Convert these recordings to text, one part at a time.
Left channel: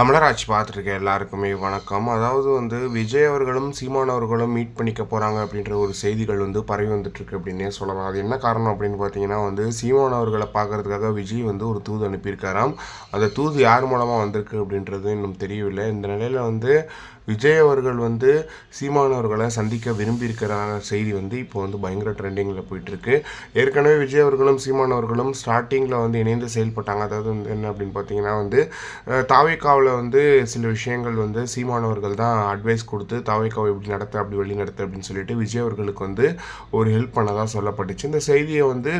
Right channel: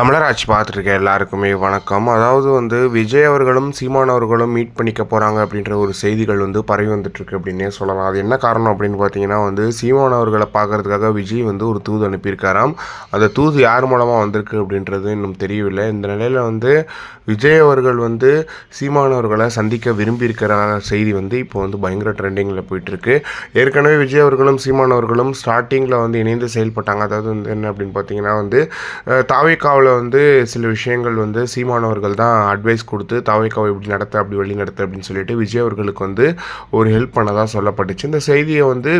தமிழராட்சி பார்த்துருக்க எல்லாருக்குமே வணக்கம். அதாவது வந்து விஜய் அவர்களும் சீமான் அவர்களும் மீட் பண்ணிக்க போகிறாங்க அப்படின்ற ஒரு செய்திகள் வந்து பரவி வந்துட்டுருக்கு அப்படின்னே சொல்லலாம். அது என்ன காரணம் அப்படின்னு பார்த்தீங்கன்னா வந்து சீமான் அவர்களை பார்க்கறதுக்காக விஜய் வந்து ஒரு தூது அனுப்பியிருக்காராம். அந்த தூது யார் மூலமாக வந்திருக்கு அப்படின்றது இன்னும் தெரியவில்லை. இந்த நிலையில் வந்து விஜய் அவர்கள் வந்து சீமான் அவர்களை சந்திக்க விரும்பியிருக்கிற செய்தி வந்து இப்போ வந்து பயங்கர ட்ரெண்டிங்கில் போயிட்டுருக்கு. ஏற்கனவே விஜய் அவர்களும் சீமான் அவர்களும் ஸ்டார்டிங்கில் வந்து இணைந்து செயல்பட்டாங்க. அதாவது வந்து என்ன அப்படின்னு பார்த்தீங்கன்னா வந்து தாவைக்காவில் வந்து சில விஷயங்கள் வந்து சீமானவர்கள் தான் அட்வைஸ் கொடுத்து தாவைக்காவை இப்படி நடத்த அப்படி வழி நடத்த அப்படின்னு சொல்லிட்டு விஜய் அவர்களுக்கு வந்து ஒரு ஹெல்ப் பண்ணதாக சொல்லப்பட்டுச்சு. இந்த செய்தியை வந்து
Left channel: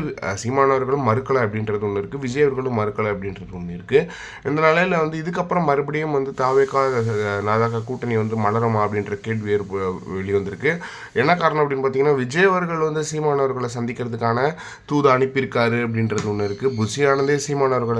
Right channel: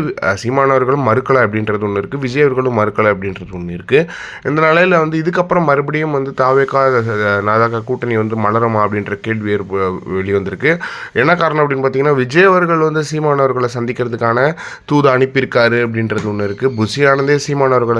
சீமானவர்களும் மறுக்கலை அப்படின்றது ஒன்று இருக்குது விஜய் அவர்களும் மறுக்கலை அப்படின்றது ஒன்று இருக்குது இந்த நிலையில் வந்து இதுக்கப்புறம் மறுபடியும் வந்து தாவேக்கா நாதாக்கா கூட்டணி வந்து மலருமா அப்படின்ற கேள்வி ஏற்ப வெளிவந்திருக்கு. என்ன காரணம் அப்படின்னு பார்த்தீங்கன்னா விஜய் அவர்கள் வந்து சீமானவர்களை சந்திக்கிறதுக்கான தூது அனுப்பியிருக்காரு அப்படின்றது ஒன்று இருக்குது புஷி ஆனந்தே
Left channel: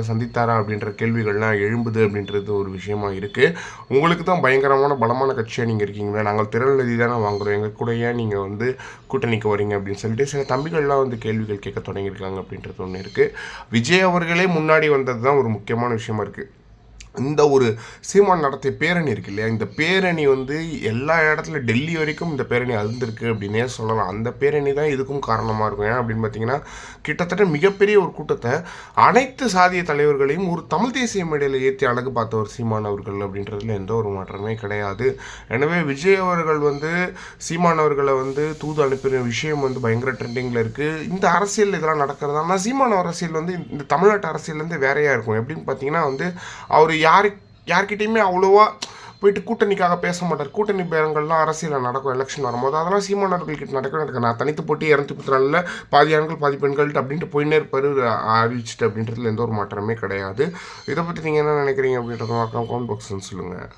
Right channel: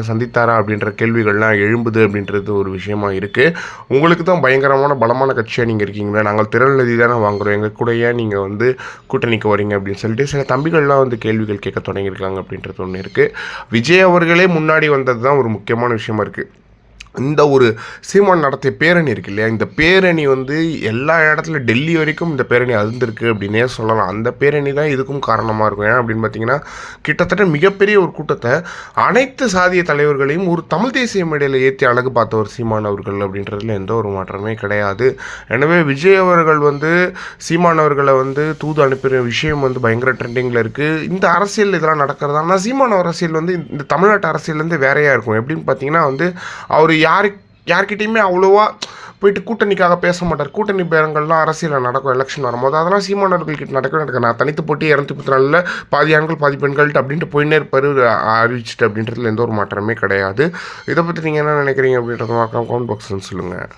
சந்தித்தாரா அப்படின்ற கேள்விகள்லாம் எழும்புது அப்படின்றது ஒரு விஷயமா இருக்குது உங்களுக்கு தான் பயங்கரமான பலமான கட்சியாக நீங்கள் இருக்கீங்களா? நாங்கள் திரள் தானே வாங்குறோம். எங்கள் கூட ஏன் நீங்கள் வந்து கூட்டணிக்கு வரீங்க அப்படின்னு சொல்லிட்டு சில தம்பிகள்லாம் வந்து கேள்விகள் கேட்க தொடங்கியிருக்காங்க அப்படின்றது ஒன்று இருக்குது விஜய் அவர்களே முன்னாடி வந்தது தான் ஒரு முக்கியமான விஷயமா இருக்குது இந்த ஒரு சீமான் நடத்திய பேரணி இருக்கு இல்லையா? இந்த பேரணி வந்து எல்லா இடத்துல டெல்லி வரைக்கும் இந்த பேரணி அழுந்திருக்கு அப்படின்னே சொல்லலாம். அந்த பேரணி தான் இதுக்கும் காரணமாக இருக்கும். ஏன் அப்படின்னு பார்த்தீங்கன்னா கிட்டத்தட்ட மிகப்பெரிய ஒரு கூட்டத்தை அனைத்து சாதிய தலைவர்களையும் ஒரு தமிழ் தேசிய மேடையில் ஏற்றி அழகு பார்த்த ஒரு சீமான் அவர்கள் அப்படின்றதுல எந்த ஒரு மாற்றமே கிடையாது. எனவே விஜய் அவர்கள் வந்து சீமான் அவர்களை வந்து தூது அனுப்பின விஷயம் வந்து பயங்கர ட்ரெண்டிங்கில் இருக்குது இந்த அரசியல் இதெல்லாம் நடக்கிறதானா சீமான அரசியல் வந்து இந்த தமிழ்நாட்டு அரசியல்லேருந்து வேறையாக இருக்கும். எப்படின்னு பார்த்தீங்கன்னா வந்து அவர் யாரு யார்கிட்டையுமே அவ்வளோவா போயிட்டு கூட்டணிக்காக பேச மாட்டார். கூட்டணி பேரங்கள்லாம் அரசியலில் நடக்கும் எலெக்ஷன் வரும்போது. அதெல்லாம் சீமானவர்கள்கிட்ட நடக்கவே நடக்க நான் தனித்து போட்டி இரநூத்தி முப்பத்தி நாலில் பாதி ஆண்கள் பாதி பெண்கள்ட்டு அப்படின்ட்டு போயின்னே இருப்பார். அறிவிச்சிட்டு அப்படின்றதுல எந்த ஒரு மாற்றமே கிடையாது. இதை பற்றி நீங்கள் என்ன நினைக்கிறீங்க அப்படின்றத மாற்றம் கவுண்ட் பாக்ஸ்ன்னு சொல்லுங்கள்